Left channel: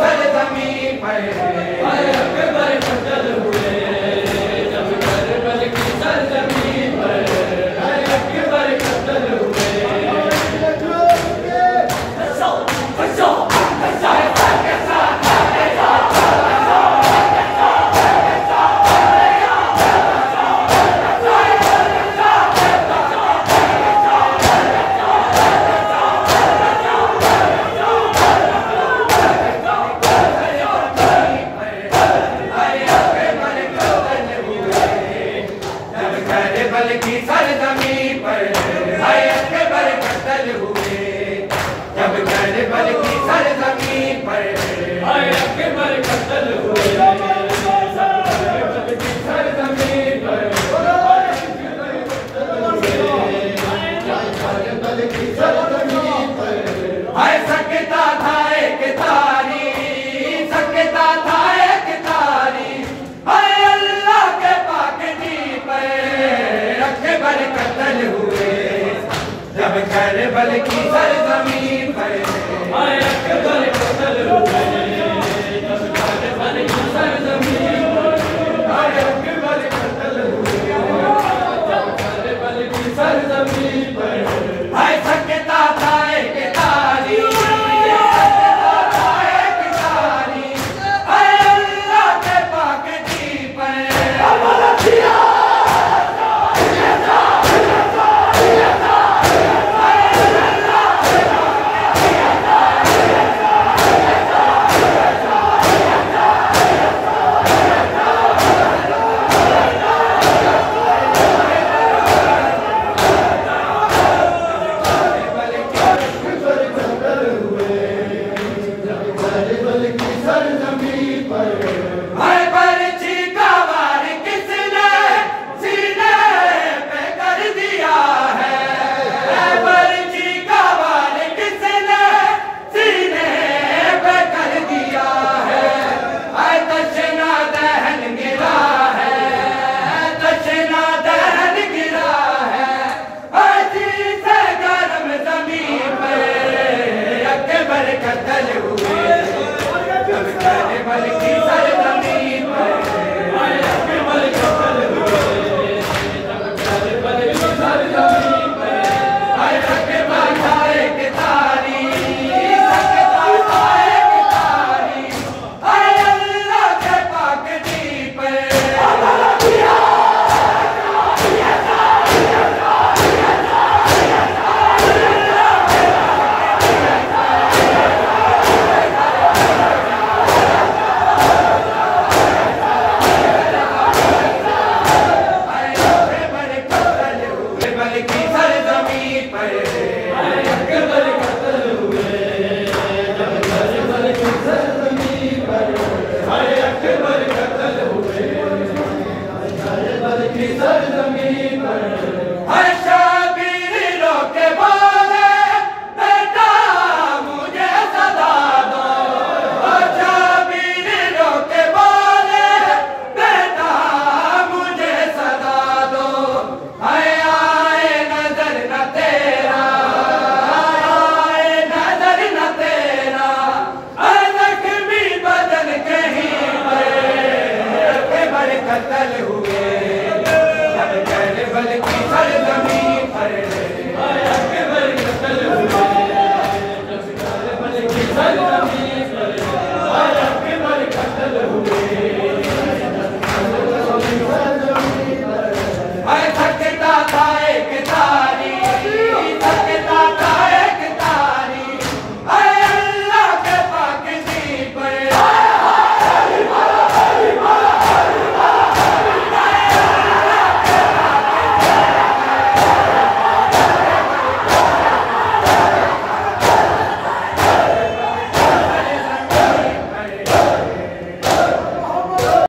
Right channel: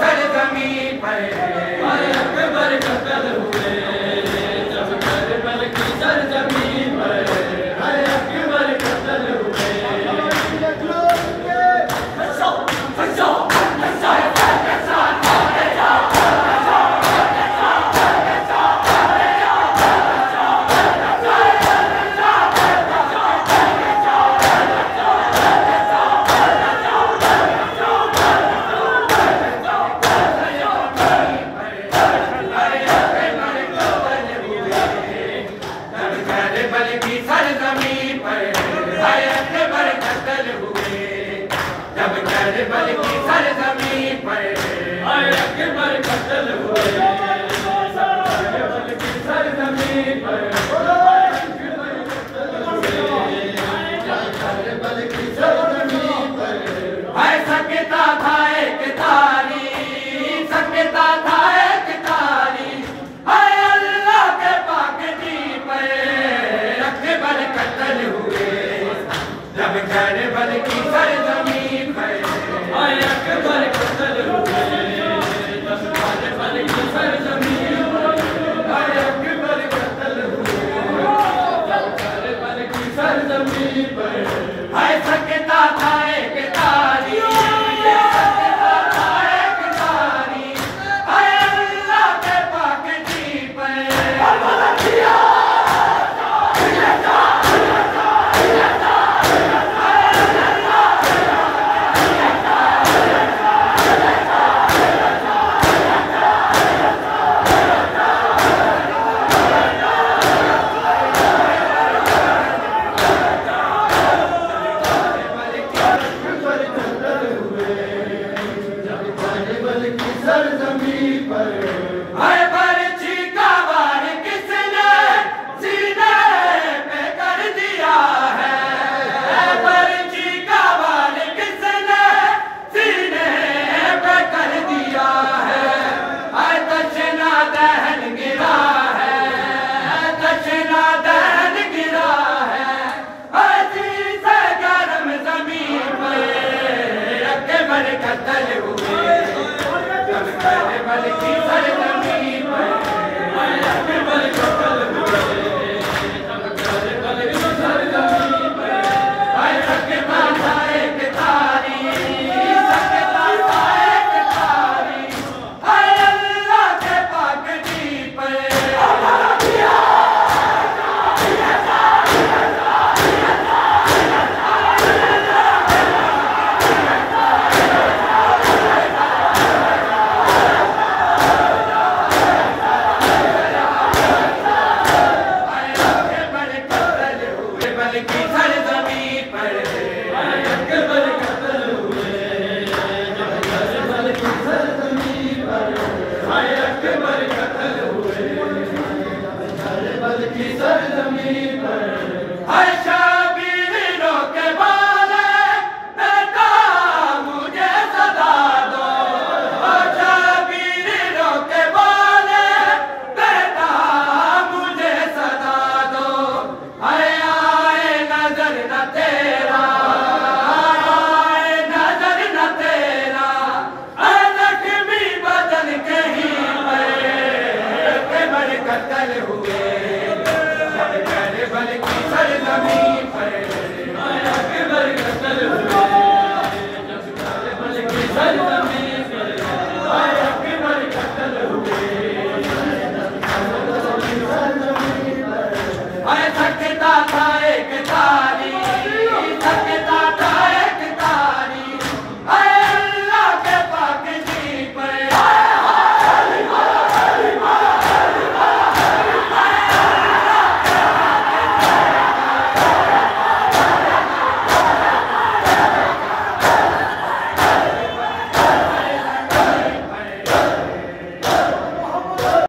सरजमी पर भाई अकबर कत्ल हुए, जब करबल की सरजमी पर भाई अकबर कत्ल हुए। करबल की सरजमी पर भाई अकबर कत्ल हुए, जब करबल की सरजमी पर भाई अकबर कत्ल हुए। करबल की सरजमी पर करबल की सरजमी पर भाई सकता था एक तारी, सकता था एक तारी, हाय अल्लाह के पाक दी पर अकबर कत्ल हुए, जब करबल की सरजमी पर भाई अकबर कत्ल हुए, जब करबल की सरजमी पर भाई अकबर कत्ल हुए, जब करबल की सरजमी पर भाई सकता था एक तारी, सकता था एक तारी, हाय अल्लाह के पाक दी पर सरजमी पर